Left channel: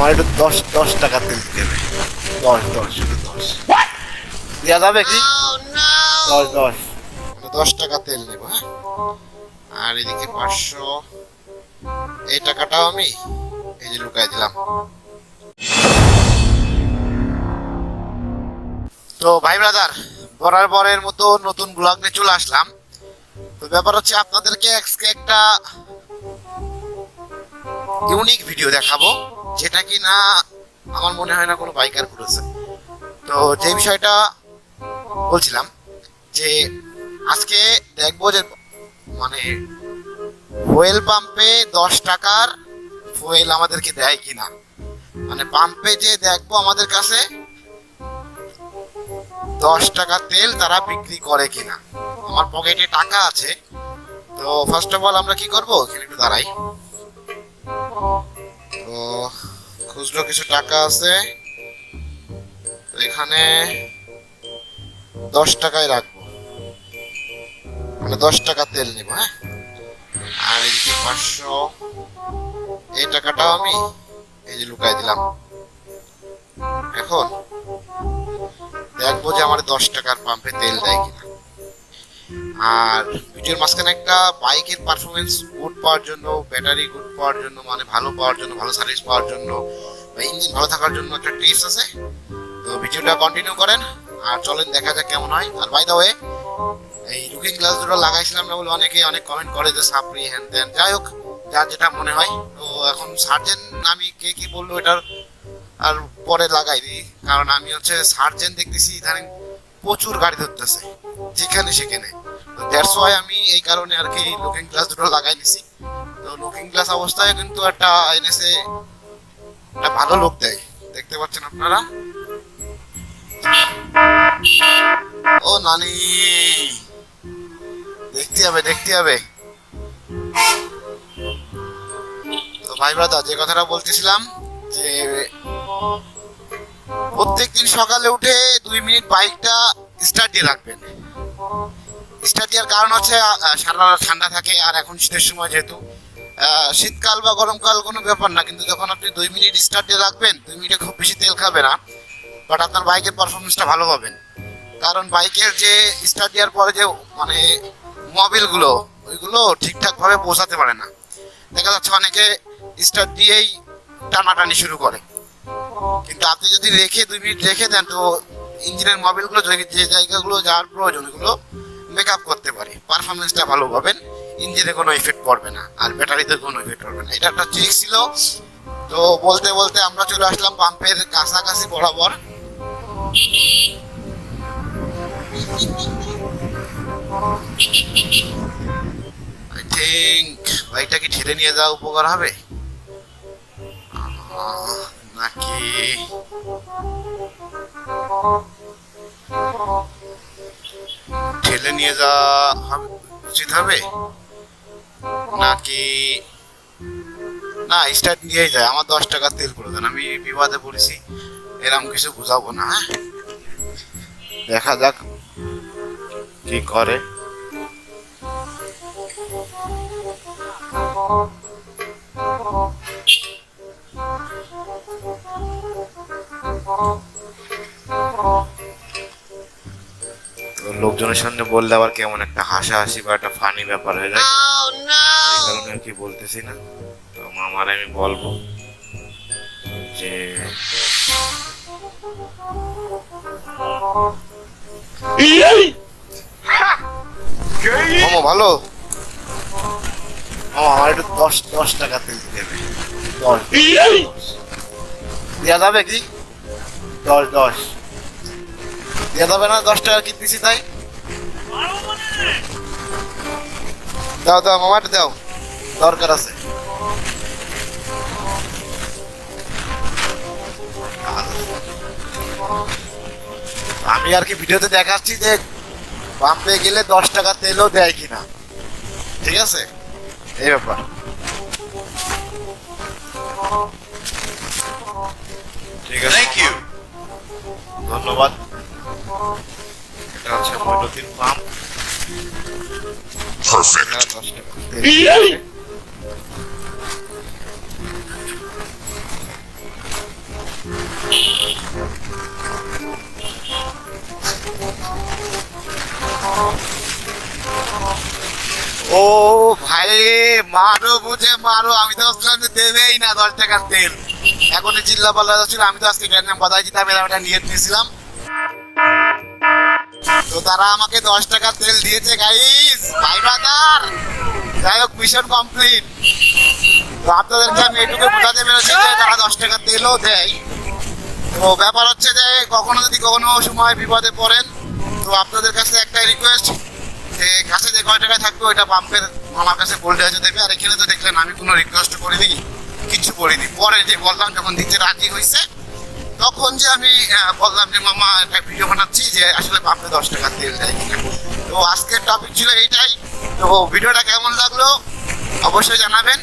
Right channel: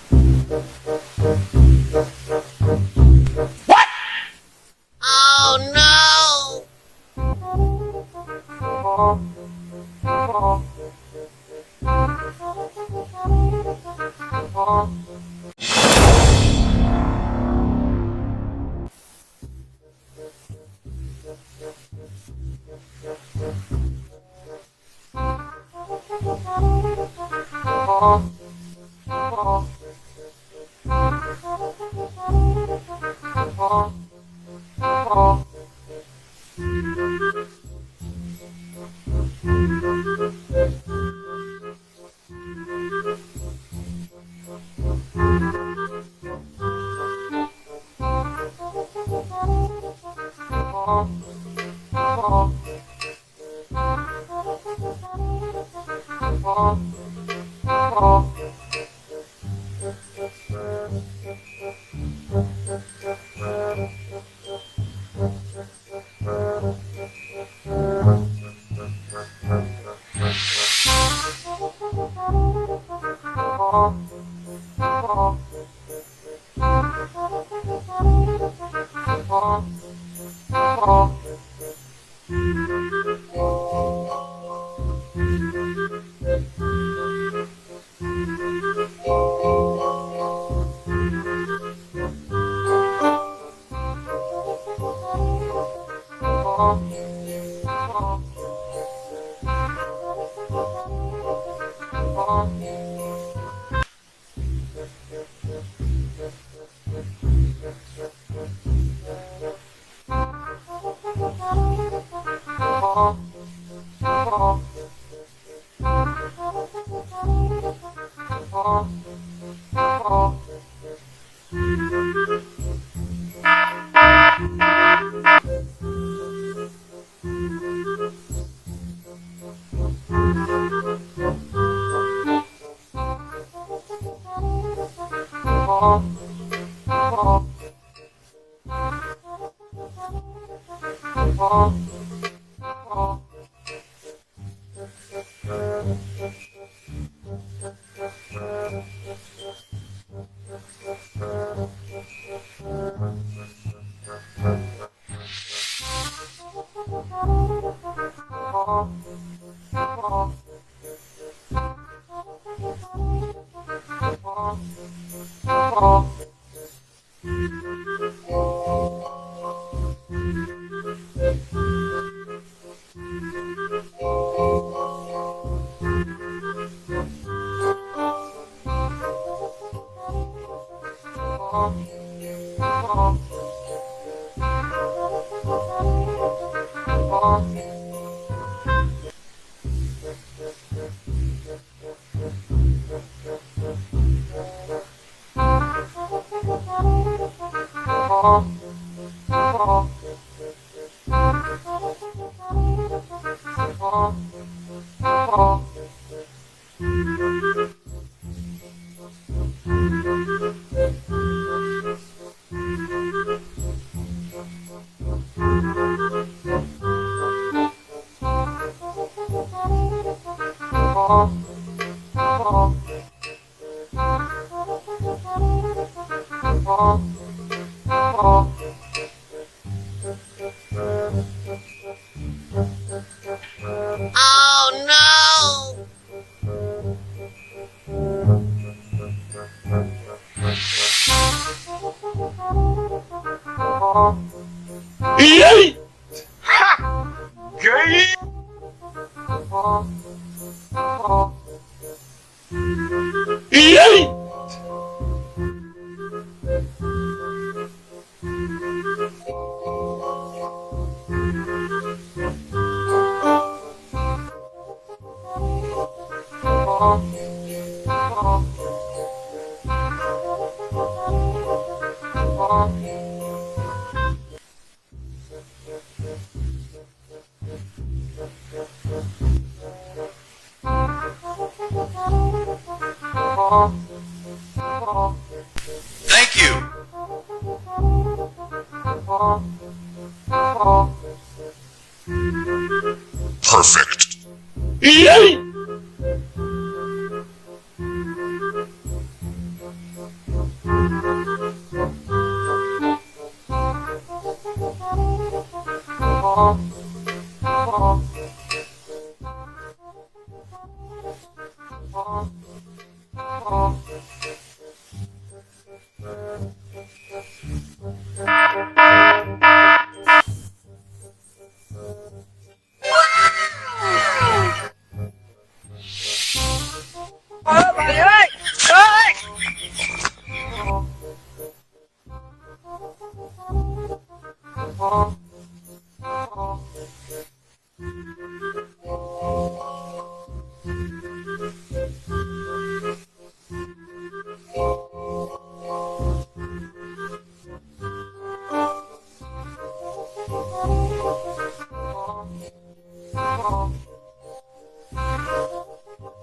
আমার একটু দশ দশ টাকা দেবে। দশ দশ দশ। দেওয়া যাবে কি? দশ দশ। দশ টাকা তেল নেব হ্যাঁ। আর এদিকে পাঁচশো। এই টাকাটাও আমি এই যে লুকাই দিলাম। তো ভাই ব্রাদার বরার বরের মতো নতুন ব্লগ নিয়ে চলে আসলাম। তো ব্যাপার হচ্ছে আপনাদেরকে আজকে একটা ইউনিক ভিডিও দেখাবো, যেটা কি না আমার মনে হয় না কোনো বাইকার করেছে। তো যে বিষয়টা বলছিলাম, যে আজকে দেখব যে মানে ফুয়েল পাম্পে দশ টাকার ফুয়েল আমাদেরকে দেয় কিনা। মানে পাম্পে যে দেখব আমাদের কাছে দশ টাকা তেল তারা বিক্রি করে কিনা। আমার পকেটে টাকা আছে, তো ফার্স্ট অফ অল আমরা কি করব? এখানে একটু দাঁড়াই। তো খুচরো কিছু টাকা আছে। এখানে দশ টাকায় রাখব। মানে দশ টাকা তেল নেব হ্যাঁ? আর এই টাকাটাও আমি এই যে লুকাই দিলাম। এখন দেখব যে আমার দশ টাকার পাম্পে তেল দেয় কিনা। আর ভিডিওর মাঝখানে একটা বাইকের পারফরমেন্স গুড পাওয়ার জন্য ব্যাটারি গুড পাওয়ার জন্য মানে ভালো পাওয়ার জন্য, ভালো সার্ভিস পাওয়ার জন্য বা ইঞ্জিন ভালো থাকার জন্য একটা টিপস আছে। তো ভিডিওটা কন্টিনিউ করেন আর চলেন দেখা যাক কেমন হয়। আর বাই ওয়ে এই লুকিং গ্লাস দুটো লাগাইছিলাম না বলে অনেকে অনেক কমেন্ট করে যে সাপড়ি হ্যান ত্যান যাই হোক, যার যেটা মনে হয়, তো এখন সার্জেন আমি কে কি বলল এটার আর পরে লাগাইনি। কারণ আমি হচ্ছে সার্জেন দেখতেছি ইদানিং প্রচুর গাড়ি ধরতেছে, যেখানে সেখানে। দ্যাটস ওয়াই আমি এই কারণে আর কি লুকিং গ্লাস দুটো লাগাই নিছি তো লুকিং গ্লাস অবস্থায় কিন্তু একটা এনএসএ একটা ভালো লোক দেয়। দেখতে পাচ্ছেন আপনারা? ও নানি! দেখতে হবে দেখতে হবে। তো ভাই ব্রাদার, যে কথাটা বলতেছিলাম যে প্রত্যেকদিন সকালে উঠে দুই মিনিট বাইকটা স্টার্ট দিয়ে রাখবেন। স্টার্ট দেওয়ার কারণ হচ্ছে সারা ঠান্ডা থাকে আর এখন শীতের সময় যেহেতু শীতকাল বা গরমকাল কোনো ব্যাপার না, কিন্তু যখন আপনি দুই মিনিট স্টার্ট দিয়ে রাখবেন, দুই মিনিটে খুব বেশি তেল খাবে না বাট আপনার বাইকের পারফরমেন্সটা ভালো পাবেন। কারণ বাইকের যে স্টার্ট দেওয়ার পরে যে মানে মোবিলগুলো ওইগুলো ঠিকঠাকভাবে পৌঁছাতে পারে না। দেখা যাচ্ছে অনেকে স্টার্ট দিয়েই টানাটানি শুরু করে। কিন্তু আপনি যদি রেখে দুই মিনিট রেখে দেন, তো ইঞ্জিনের মোবিলগুলো যে জায়গাগুলো যাওয়ার প্রয়োজন ওগুলো পিক আপ করতে পারে। পারফরমেন্সটা ভালো পাবেন, ইঞ্জিনে কোনো ইফেক্ট পড়বে না, আর ব্যাটারিতে কোনো ইফেক্ট পড়বে না। এটা একটা ট্রিক ছিল। তো বলতে বলতে আমরা চলে আসলাম পাম্পের কাছাকাছি বরাবর। আই থিঙ্ক বাইকটা কি ঠেলে নিয়ে যাওয়া উপকার হবে। নাকি? ঠেলে নিয়ে যাওয়া উচিত হবে? নাকি? না, স্টার্ট নিয়েই যায়। আমার দশ টাকা তেল করে দেন আমি বিবাদে পড়েছি। এরকম কিছু বুঝাবো না হ্যাঁ? দেখা যাক কি করে। তো লোকজনের সামনে বললে আবার কেমন একটা হাসাহাসি বা একটা ফানি ব্যাপার হয়ে যায়। আর কি বলতেছি না। তো মামার আমি বলব যে ভালো? আমার একটু দশ দশ টাকা তেল দেবে দেওয়া যাবে কি? দশ দশ। দেওয়া যাবে না, দশ টাকা কিনতেছি তাই? দাও দাও মামাটা দাও। দরকার আছে। আমি আর কি ভিডিওতে দেখাচ্ছি যে পাম্পে গেলে দশ টাকা তেলও দেয় কিনা। ঠিক আছে? এই ব্যাপার। থ্যাংক ইউ ধন্যবাদ। ও ভাই মারো বুঝে মারো আমি দশ টাকা দেবেই না দশ টাকার তেল। এখন চিল্লা পাল্লা ছিল আমি তো আজকে গ্যান্ডাম বাজাই দিতাম এরকম একটা নিয়ে নিয়েছিলাম। তো তারা আমাকে দশ টাকার তেল দিয়েছে গাইস বাজার যাই হোক মিশন কমপ্লিট আপনাদেরকে আমি একটু বোঝাতে পেরেছি তারা দশ টাকার তেলও দেয়। তো ব্যাপার হচ্ছে যে, কখনো যদি কোনো সময় বিপদে পড়েন, তো আপনাদের কাছে একটাই রিকোয়েস্ট যে কাছে যে কয় টাকা থাকবে, ওইটা পাম্পের আমার কাছে বলতে হয়েছে দেবে, আর এখানে তো দেখলেন আমি কোনো রিকোয়েস্ট করিনি। কিছু বলিনি। পরে যে বললাম, যখন দিতে রাজি হয়েছে তখন যে আমি বললাম যে, মামা, একটা ভিডিও বানাচ্ছি যে আসলে পাম্পে দশ টাকা দিয়ে কিনা। তো আজকের টপিক ছিল এইটাই। তো ভিডিওটা কেমন লাগল? অবশ্যই জানাবেন।